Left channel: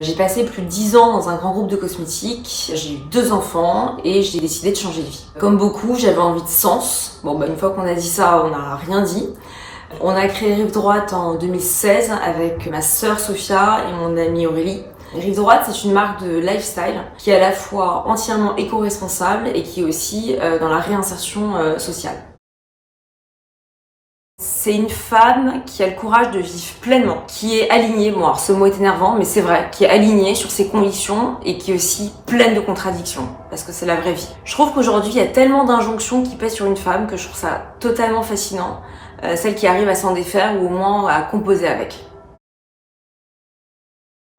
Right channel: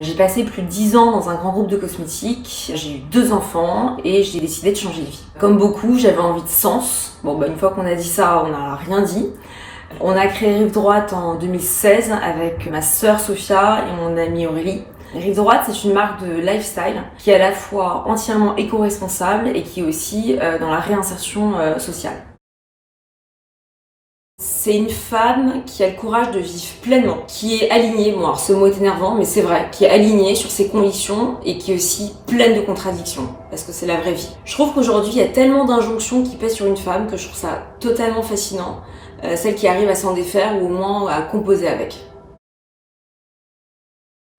J'ai passé plus de 10 ans dans un grand groupe de cosmétiques, j'ai eu 2 enfants et j'ai décidé de changer de vie. Comme beaucoup, j'avais envie de sens. Une fois qu'on a dit ça, on n'a rien dit. On a créé Rive Droite en 2016 avec ma sœur Sophia et mon amie Aurélie. Rive Droite, c'est une marque de lifestyle qui est à la fois entièrement éco-responsable et qui est aussi dans la réinsertion sociale. C'est une femme qui a le courage de vivre pleinement, qui est alignée, alors ce mot est énervant, mais c'est vrai, qui est alignée sur ses convictions et qui est aussi pleine de contradictions, parce que c'est la vraie vie. Je trouve qu'aujourd'hui, il y a tellement d'injonctions qui pèsent sur une femme que je trouve ça totalement fascinant, celle qui arrive à s'en défaire ou au moins à composer avec.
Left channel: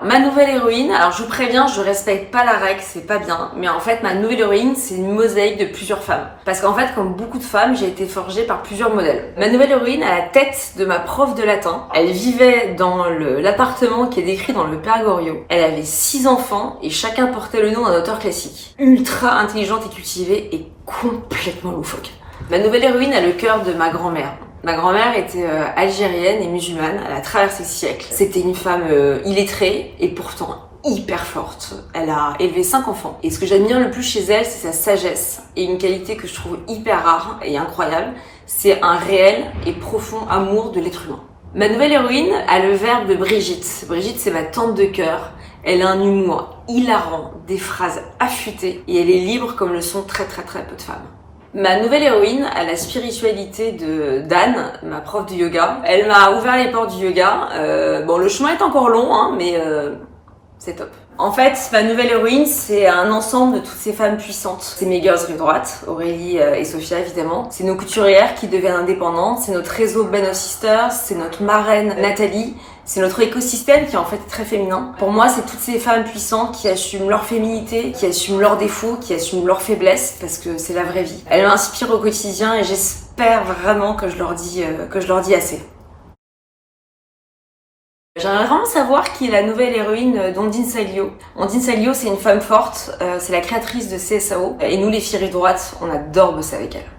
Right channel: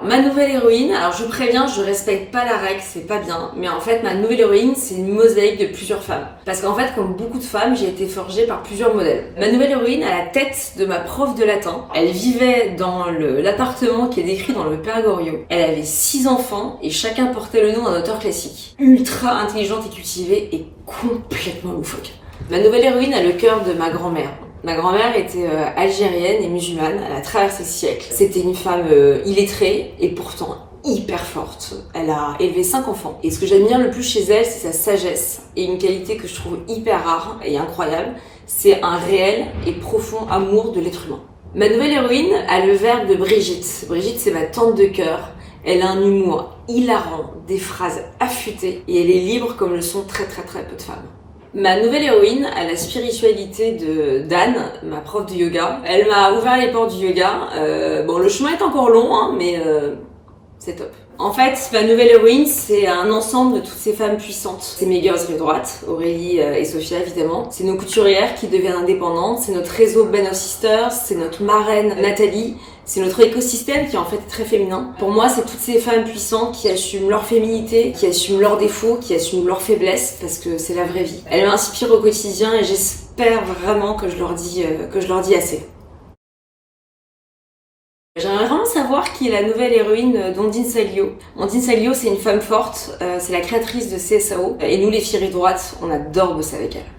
Ma nouvelle héroïne, alors je préviens, je respecte pas la règle, c'est pas bien, mais en fait ma nouvelle héroïne c'est une mosaïque de plusieurs femmes. Parce qu'en fait, comme beaucoup de femmes, j'ai été forgée par plusieurs modèles. Ma nouvelle héroïne a la tête de ma prof de latin. Elle vivait dans l'appartement qui est décrit dans le Père Goriot. Elle avait 6 enfants et chacun portait le nom d'un auteur classique. Ultra intelligente et cultivée et complètement loufoque. Ma nouvelle héroïne a le cœur de ma grand-mère. Ma grand-mère était algérienne et musulmane, elle a traversé le siècle. C'était une femme illettrée et pourtant hyper forte. Elle a élevé 5 enfants. Et ce que j'admire le plus chez elle, c'est sa sagesse et une qualité que je trouve hyper rare et incroyable. C'est un réel et profond amour de l'être humain. Ma nouvelle héroïne a le verbe de Brigitte. Brigitte, c'est ma tante de cœur. Elle a un humour hilarant, des phrases affûtées et elle est libre comme le sont très peu de femmes. Ma nouvelle héroïne a la spiritualité de d'Anne, ma prof de yoga. Elle m'a ouvert les portes du yoga. Le chemin est encore long, mais c'est top. En fait, ma nouvelle héroïne, c'est un ensemble de toutes ces femmes puissantes. C'est mes girls Rive Droite, Aurélie et Sophia évidemment. C'est nos couturières qui deviennent indépendantes. C'est notre réseau Ben of Sisters. C'est notre marraine Nathalie. C'est notre écosystème qui est en fait très féminin. Pour moi, c'est toutes ces femmes puissantes qui assument leur féminité, qui assument leurs défauts, qui assument leurs faiblesses, parce que c'est la vraie vie. Elles m'inspirent au quotidien et j'espère vraiment que je leur dis assez. J'aimerais vraiment savoir qui est la nouvelle héroïne d'Ondine Salio. Ondine Salio, c'est une femme forte, c'est la créatrice de CSAO, et nous les filles Rive Droite, on adore bosser avec elle.